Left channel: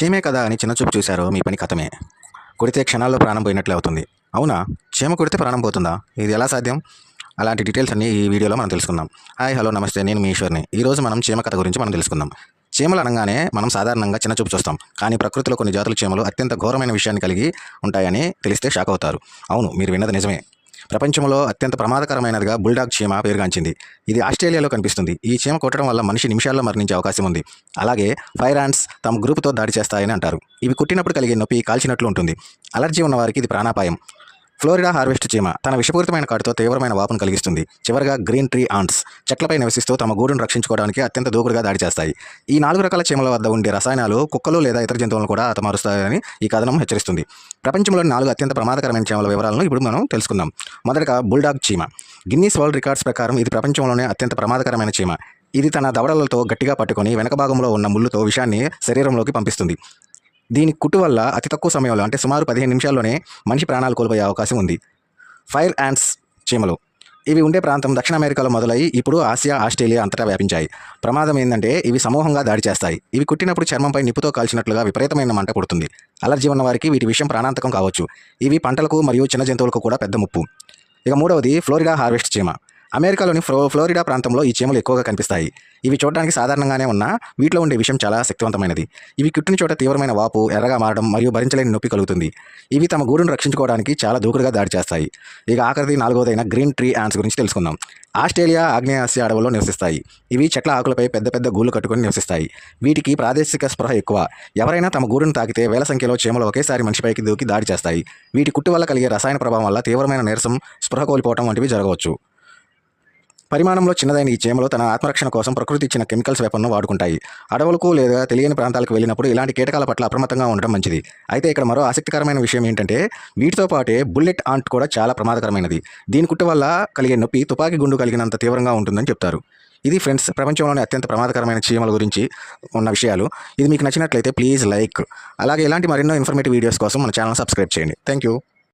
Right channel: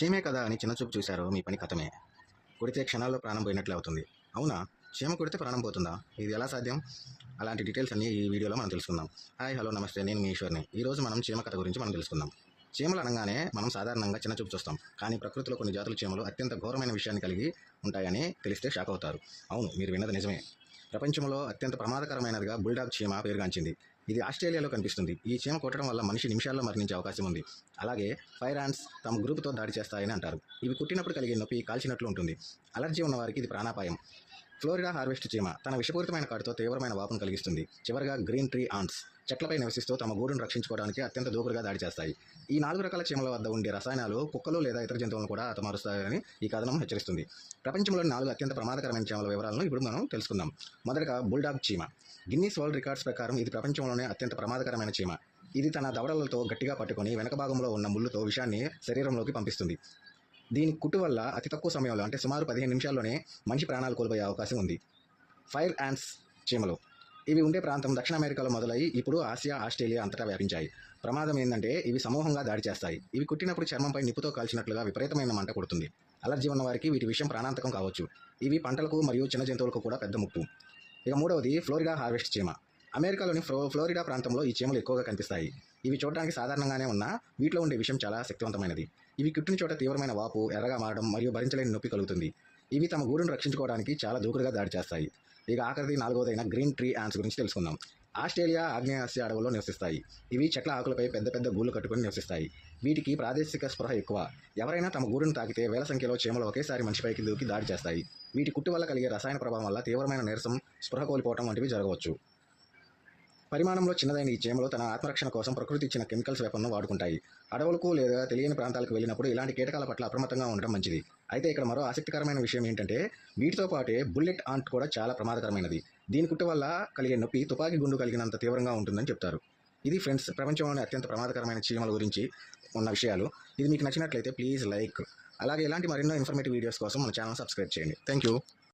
చీమే కదా అని చిన్నచూపు చూశారో మీ పని కథమే. కొడితే క్షణాల్లో ప్రాణం పోయినట్లే అవుతుంది. అవునా? చీమ కొడితే ప్రాణం పోతుందా? ఇది ఎలా సాధ్యం? అలాంటి డీటెయిల్స్ అన్నీ ఈ వీడియోలో మనం తెలుసుకుందాం. హాయ్, హలో, నమస్తే. నేను మీ ఈశ్వర్ని. ఈరోజు మనం చీమ కథ గురించి మనం తెలుసుకుందాం. చీమలు అనగానే మనం సాధారణంగా చిన్నచూపు చూస్తాం. కానీ ప్రకృతిలో కొన్ని జాతుల చీమలు అత్యంత ఘోరమైన విషయాన్ని కలిగి ఉంటాయని తెలిస్తే షాక్ అవుతారు. అవును, మీరు విన్నది నిజమే. ప్రపంచంలో అత్యంత ప్రమాదకరమైనదిగా బుల్డాగ్ చీమ పేరుగాంచింది. ఇది ఆస్ట్రేలియాలో కనిపిస్తుంది. ఈ చీమ కొట్టడం వల్ల మనిషి నిమిషాల్లో మరణించే అవకాశం ఉంది. అలాగే ఫైర్ యాంట్స్ తమ గ్రూపుతో దాడి చేస్తాయని అంటారు. ఇవి కుట్టినప్పుడు కలిగే నొప్పి కాల్చినట్లు ఉంటుంది. అలర్జీ ఉన్న వారికి ఇది ప్రాణాపాయం. ఫ్లోరిడా హార్వెస్ట్ చీమ తన విషపూరితమైన కాటుతో తీవ్రమైన వాపును కలిగిస్తుంది. చివరగా గ్రీన్ ట్రీ ఆంట్స్ చెట్లపై నివసిస్తూ తమ గూడును రక్షించుకోవడానికి అత్యంత దూకుడుగా దాడి చేస్తాయి. ఈ 4 రకాల చీమల వద్ద ఉండే రసాయనాలు కుక్కలు లేదా ఇతర జంతువులను కూడా హతమారుస్తాయని ఈ కథనం హెచ్చరిస్తుంది. ప్రపంచంలోని 4 అత్యంత ప్రమాదకరమైన చీమల వివరాలను ఇప్పుడు మనం తెలుసుకుందాం. మొదటగా బుల్డాగ్ చీమ. గిన్నీస్ వరల్డ్ రికార్డ్స్ ప్రకారం ఇది ప్రపంచంలోనే అత్యంత ప్రమాదకరమైన చీమ. ఇది తన దవడలతో గట్టిగా పట్టుకొని వెనక భాగంలో ఉన్న ముళ్ళుతో విషాన్ని శరీరంలోకి పంపిస్తుంది. దీని కుట్టు వల్ల అతి తక్కువ సమయంలో, అంటే సుమారు 15 నిమిషాల్లోనే మనిషి ప్రాణాలు కోల్పోయే అవకాశం ఉంది. ఫైర్ యాంట్స్ చీమలు. ఇవి ఉండే ప్రాంతం దక్షిణ అమెరికాలో మొదలై ఇప్పుడు ఆసియా, ఆస్ట్రేలియా అంతటా వ్యాపించాయి. ప్రమాదం ఏంటంటే ఇవి సమూహంగా దాడి చేస్తాయి. ఇవి కుట్టినప్పుడు చర్మంపై నిప్పుతో కాల్చినట్లుగా విపరీతమైన మంట పుడుతుంది. అలర్జీ ఉన్న వారికి వీటి విషయం ప్రాణాంతకం కావచ్చు. ఇవి పంటలకు మరియు చిన్న జంతువులకు కూడా పెద్ద ముప్పు. ఇక మూడవది ఫ్లోరిడా హార్వెస్ట్ చీమ. అమెరికాలోని ఫ్లోరిడా ప్రాంతంలో ఈ చీమలు ఎక్కువగా కనిపిస్తాయి. ఇవి చూడడానికి సాధారణంగానే ఉన్నా వీటిలో ఉండే విషయం చాలా శక్తివంతమైనది. ఇవి కుట్టిన చోట తీవ్రమైన వాపు, ఎర్రగా మారడం మరియు భరించలేని నొప్పి కలుగుతుంది. ఇవి తమ గూడును రక్షించుకోవడానికి చాలా దూకుడుగా దాడి చేస్తాయి. ఇక ఆఖరిది 4వదైన గ్రీన్ ట్రీ యాంట్స్ గురించి తెలుసుకుందాం. ఆస్ట్రేలియా, ఆగ్నేయాసియా అడవుల్లో నివసిస్తాయి. ఇవి చెట్ల ఆకులపై పెద్ద పెద్ద గూళ్ళు కట్టుకొని నివసిస్తాయి. వీటికి ప్రాదేశిక స్పృహ ఎక్కువ. ఎవరైనా తమ గూడును తాకితే వేల సంఖ్యలో చీమలు ఒకేసారి మనిషిపైకి దూకి దాడి చేస్తాయి. వీటి కుట్టు వల్ల కలిగే రసాయన ప్రభావం వల్ల తీవ్రమైన నీరసం, స్పృహ కోల్పోవడం వంటివి జరగవచ్చు. పరిమాణంలో చిన్నదైన ఈ చీమలు తన ఆత్మరక్షణ కోసం ప్రకృతి ఇచ్చిన కెమికల్స్ వెపన్ను వాడుకుంటాయి. అడవులకు లేదా తెలియని ప్రాంతాలకు వెళ్ళినప్పుడు ఇలాంటి కీటకాల పట్ల అప్రమత్తంగా ఉండడం మంచిది. అయితే ఇక్కడ మరో ఆసక్తికరమైన విషయం ఏంటంటే వీటితో పాటే బుల్లెట్ ఆంట్ కూడా చాలా ప్రమాదకరమైనది. దీని కుట్టు వల్ల కలిగే నొప్పి తుపాకీ గుండు కలిగినంత తీవ్రంగా ఉంటుందని చెప్తారు. ఇది ఫ్రెండ్స్, ప్రపంచంలోని అత్యంత ప్రమాదకరమైన చీమల గురించి ఉన్న విషయాలు. ఇది మీకు నచ్చినట్లయితే ప్లీజ్ లైక్. అలాగే ఇలాంటి మరెన్నో ఇన్ఫర్మేటివ్ వీడియోస్ కోసం మన ఛానల్ సబ్స్క్రైబ్ చేయండి. Thank you.